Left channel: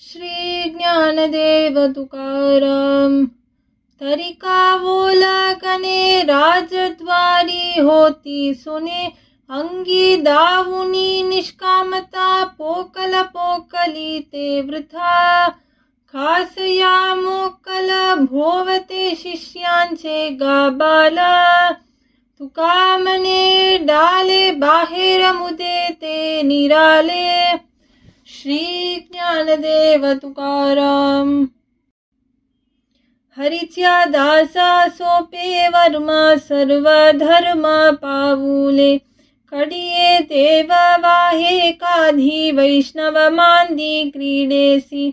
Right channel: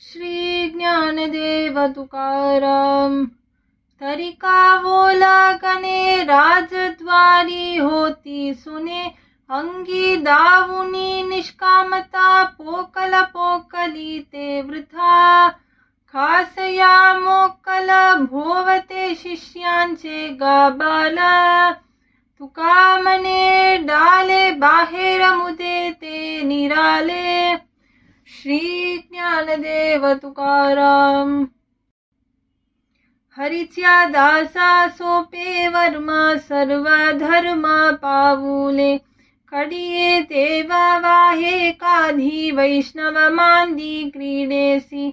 श्री ज्ञानदेव तुकाराम. तरिका बोला कने राजद्वारी होती सुने, अंगी दावुनी निष्कामता पोकल पोकली ते वृथा. खासया मोकल भोवते शिष्यांचे गाबाल, तुका मने डाले बाहेर मुदे ते निराले. श्री ज्ञानदेव तुकाराम. हरीच्या दासा सोपे वर्म सर्व धर्म पाऊले, कडिये देव वाहे काधी वैष्णव मांदी क्रीडेसी.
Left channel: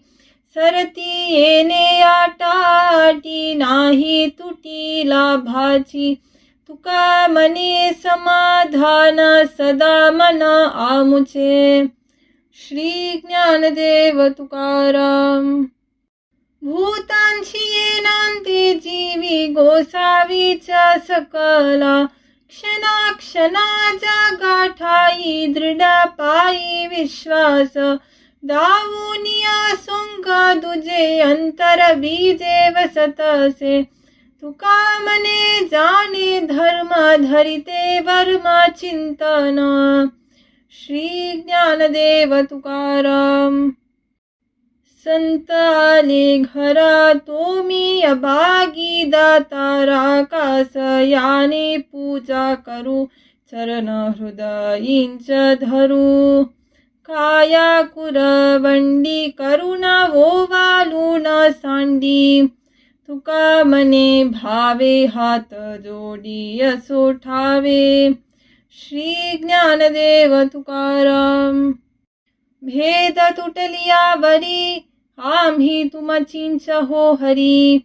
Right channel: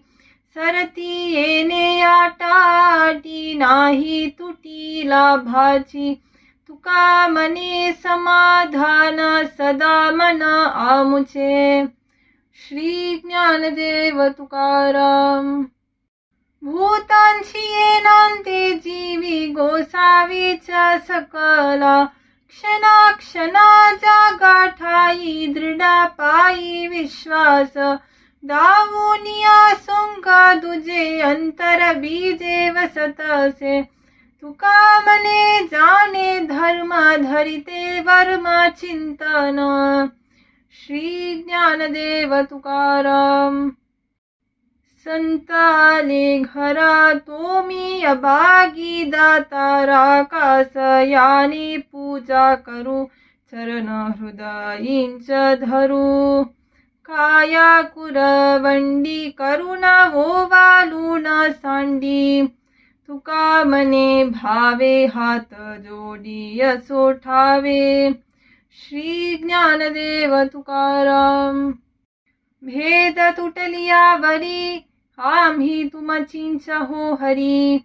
सरती येणे आटाटी नाही तुटी लाभाची, तुका मने समाधान सदा मन आमुचे. श्री ज्ञानदेव तुकाराम. भूतांची येणांती जीवी गोसावीच्या सकला, क्षणा क्षणाचा गाठाई दृढ पायी विश्वास. दावुनिया सोंगा दुजे अंतर बीजे वसतसे, तुका मने जाणे धर्म धरिते वर्म चिंतन. श्री ज्ञानदेव तुकाराम. संताले घरा तोमी अभागी दातारा, कास याने पूजा करू चरण हृदयींच धरू. काया कुरवंडी करुणा ओवालून सांडी, तुका मने भावे हात जोडी असो ठावे. श्री ज्ञानदेव तुकाराम. भेद तुटलिया वरी आम्ही तुमचींच हो हरी.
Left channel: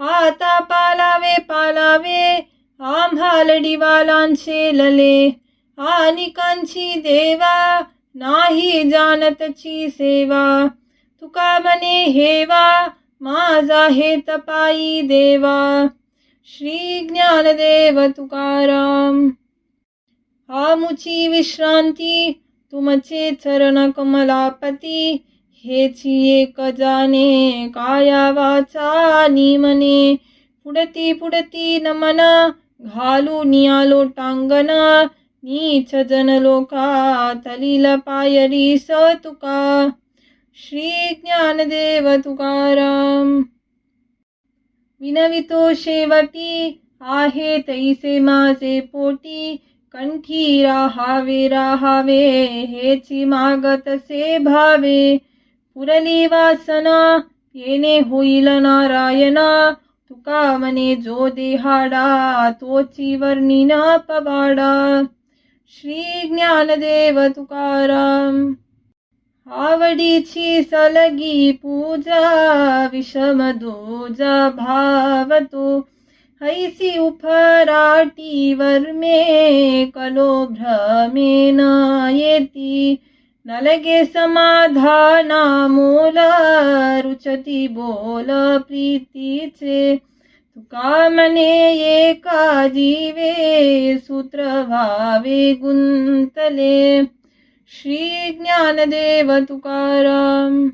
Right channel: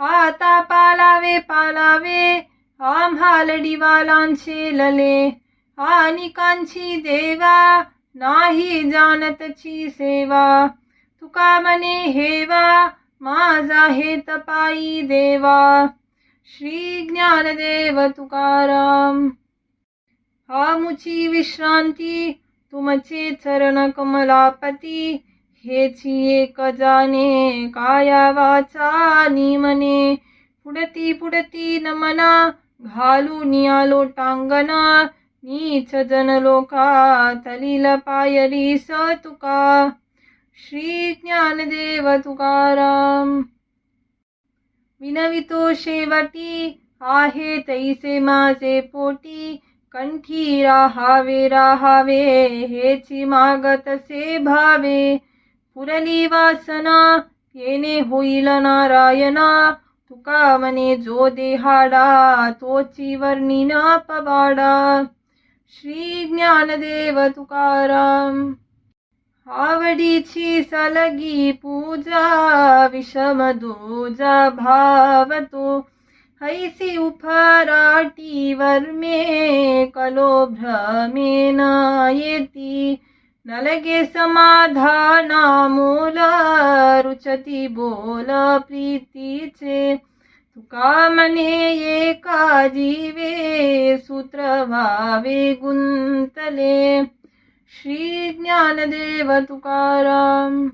आता पालावे पालावे आम्हा लढीवालांचे लले, आनिकांची देवा नाही जानतची सेवा. तुका मने हेवा माझा हे तपाई देवा. श्री ज्ञानदेव तुकाराम. आमुची विश्रांती तुमचे चरण कमलापती, हेची एक जाणे काया वाचा निमने. पुढती पुढती नमना घालून आलो टांगना, नीच जन लोका तलिल पायरी तुका. श्री ज्ञानदेव तुकाराम. विनवितो शेवटी आहे तैसे माझे पोटी, कंठी राहावे राहावे हेची मागतसे भावे. पुरली वासना येणे होईल नारायणा, तुका मने जो देहाडा तोची वर्णिन पवाडा. श्री ज्ञानदेव तुकाराम. आवडीची सलगी पूजा विषम दूजा भावतो, हैसी उफराटी वर्मे कलो भ्रमेन येती. नलगे समाधाना मोल रुचती बोल प्रीतीचे, तुका मने एका जीवे सूत्र व्हावे गुंतले. श्री ज्ञानदेव तुकाराम.